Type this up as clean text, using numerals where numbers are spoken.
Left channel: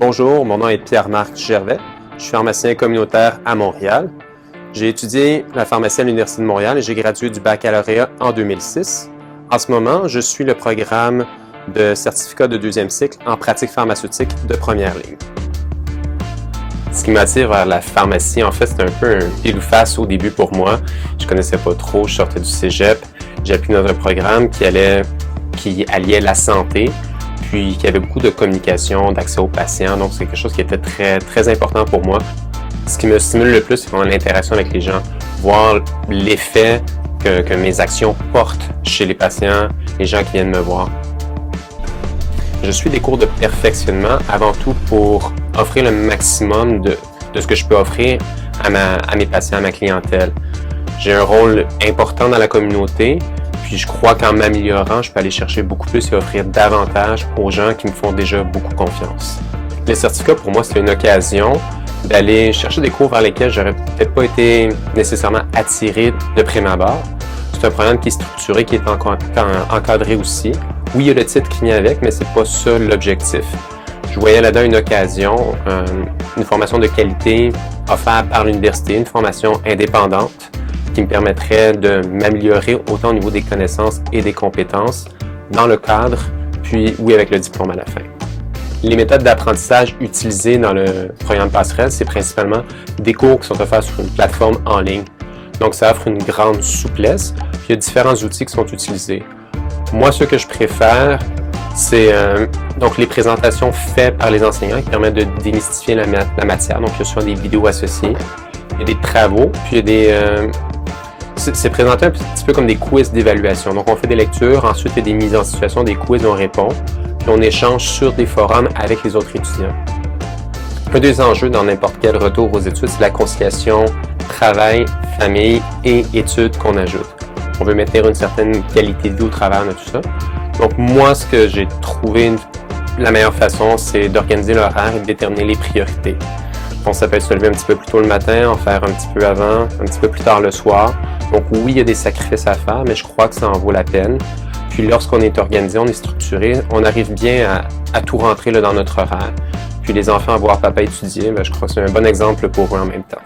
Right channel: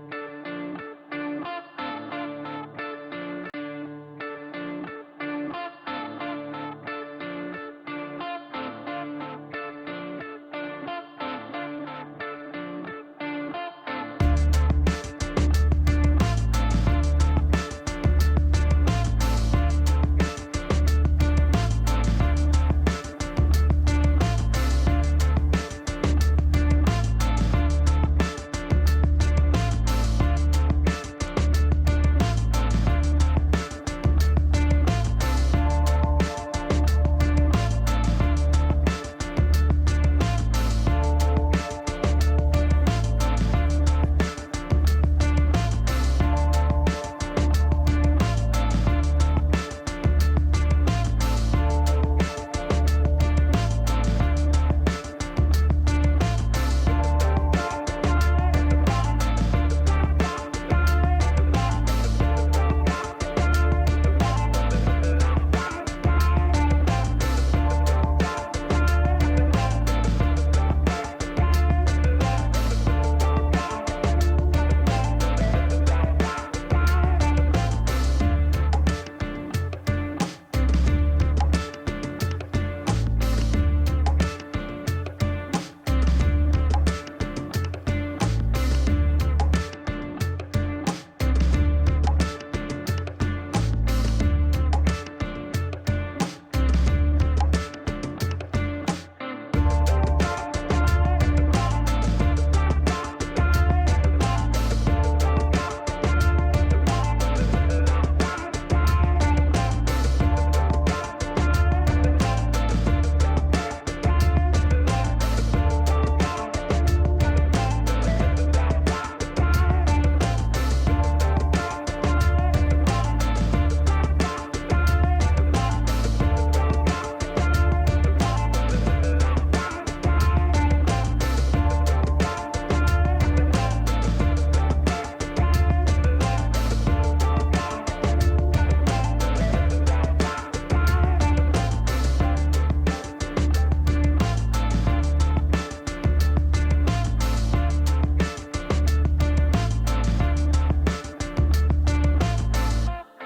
Bonjour, mon nom est Pierre-Marc Gervais. Je suis pharmacien communautaire à Montréal. J'ai étudié la pharmacie à l'Université de Montréal et j'ai gradué du baccalauréat en 2006. En ce moment, je suis le programme de certificat de deuxième cycle en pratique pharmaceutique de première ligne. Ce qui m'attire vers la pharmacie, en fait, c'est un peu un pile ou face au début pour moi. Je ne connaissais pas trop, je sortais du cégep. J'ai appris dans un programme qui alliait la santé, puis qui avait beaucoup de communication, d'accès aux patients. Donc, c'est quelque chose qui était très, très important pour moi. Ce qui me stimule le plus, c'est vraiment l'interaction avec les gens, voir l'effet que mes actions portent chez les patients, les gens qui viennent me voir. Je suis des cours de perfectionnement avant tout pour offrir le maximum de ce que je peux offrir à mes patients, à ma clientèle. J'ai un rôle important dans la communauté, puis je crois qu'en m'améliorant, je peux aller chercher beaucoup plus et offrir davantage aux gens qui me font déjà beaucoup confiance. Les certificats, pour moi, c'est une occasion d'aller chercher des cours vers lesquels j'aurais peut-être pas été nécessairement attiré de prime abord. C'est un programme qui est structuré, qui est encadré aussi. Oui, il y a le titre qui vient avec, mais c'est pas ça l'objectif. Je voyais là-dedans une occasion, une formation de qualité offerte par l'université, une formation indépendante qui me permettrait de m'améliorer autant au niveau des connaissances et des compétences dans le cadre, puis oui, avec le diplôme à la fin. Les méthodes d'apprentissage utilisées dans le programme Passerelle, c'est principalement des cours qui sont offerts sur une plateforme en ligne. Donc, ça offre une grande souplesse. Il y a différents outils qui sont utilisés. Moi, ce que je préfère, c'est donc les présentations faites par les enseignants qui permettent de démystifier la matière. Donc, il y a souvent des vidéos associées, il y a des travaux, puis il y a c'est présenté un petit peu comme des quiz d'évaluation. Donc, on fait des lectures, ensuite il y a des mises en situation, des quiz, on répond, puis on échange sur des forums avec les autres étudiants. Un des enjeux dans n'importe quel retour aux études, c'est la conciliation travail, famille et études qu'on ajoute. On veut maintenir une certaine qualité de vie au travers de tout ça. Donc moi, ce que j'ai trouvé la meilleure façon, c'est d'organiser l'horaire et de déterminer les priorités. Donc ça peut être se lever un petit peu plus tôt le matin, en faire un petit peu avant, un petit peu plus tard le soir. Donc oui, il y a des sacrifices à faire, mais je crois que ça en vaut la peine. Puis lorsqu'on est organisé, on est structuré, on arrive bien à tout rentrer là, dans notre horaire. Puis les enfants à voir papa étudier, je crois que c'est un bon exemple pour eux en même temps.